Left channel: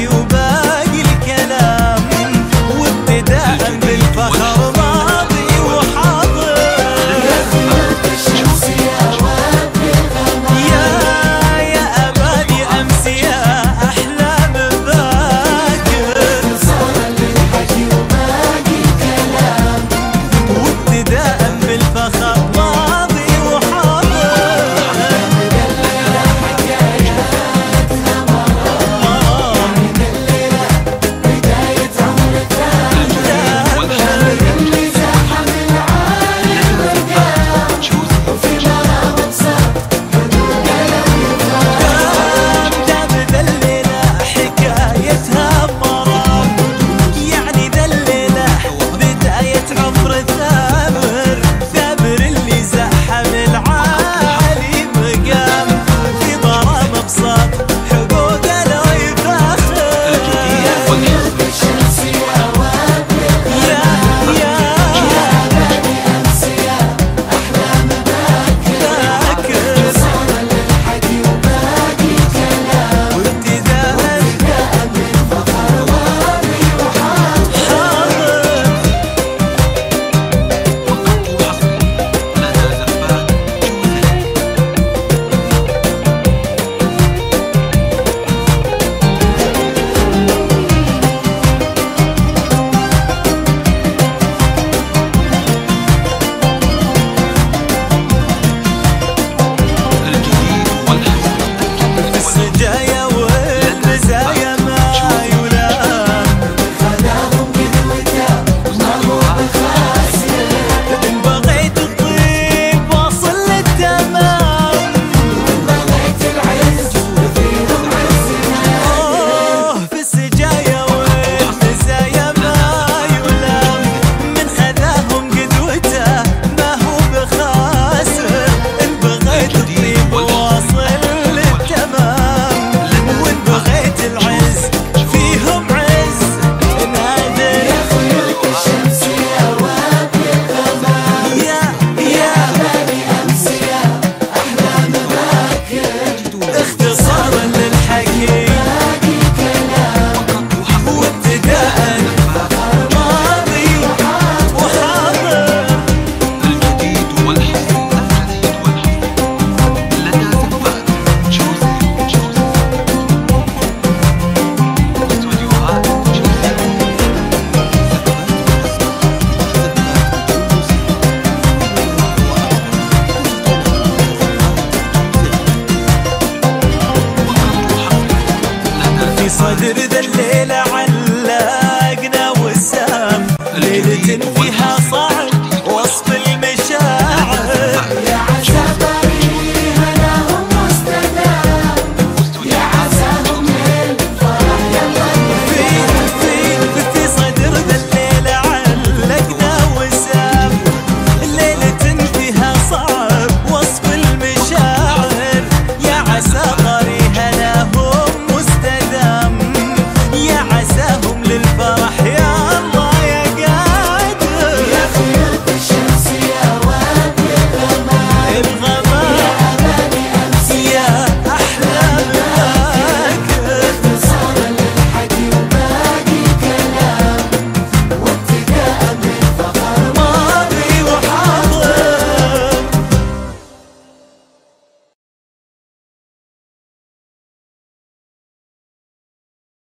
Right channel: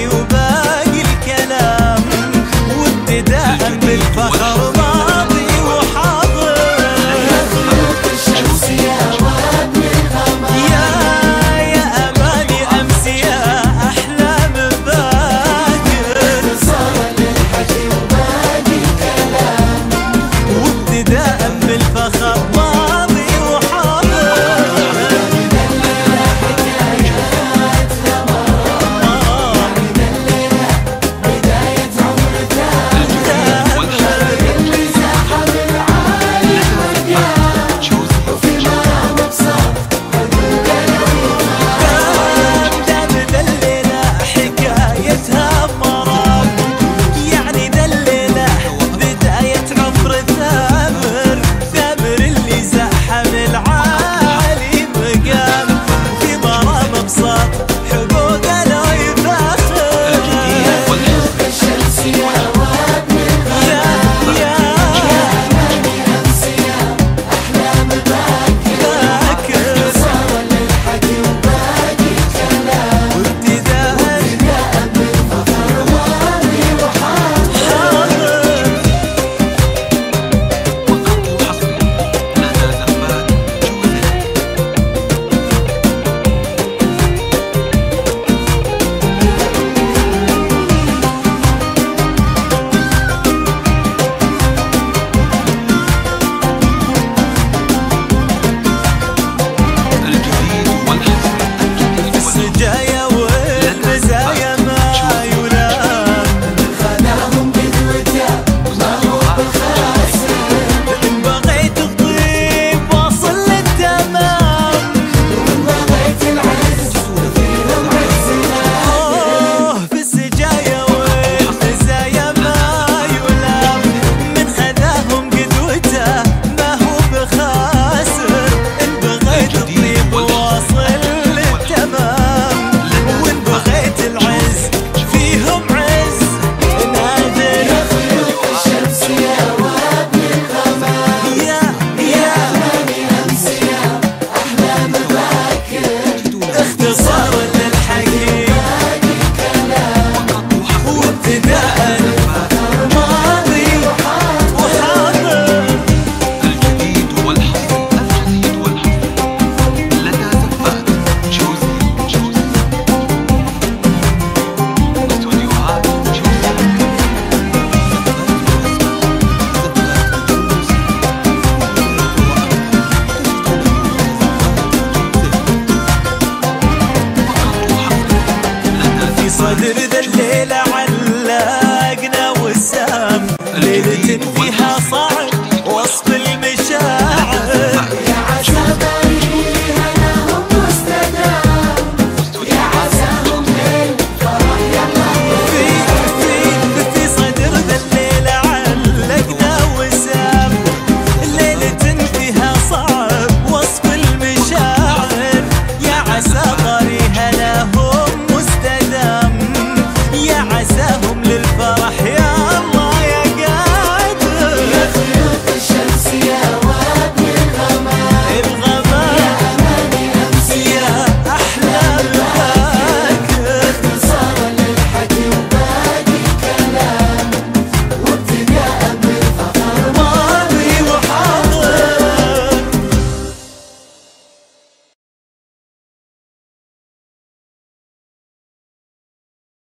الحكي وباقي الكلام، وابتداء بالفخر ماضي وحاضر. يا أماني أمس يا أحلام باكر، وابتداء بالفخر ماضي وحاضر. السجايا والمزايا ما يلام، إن بغيت الطيب واصل للتمام. في السجايا والمزايا ما يلام، من خذاهم قدوته ما هو بخاسر. إن بغيت الطيب واصل تمام، وإن بغيت العز فيهم عز نادر. اختصار للحكي وابتداء ماضي وحاضر. الجديد والحصري، الجديد والحصري لدى زفات جوزي. واستوديوهات جوزي. في صدر ذا الليلة علقنا وسام، ليلة فيها صعب وصف المشاعر.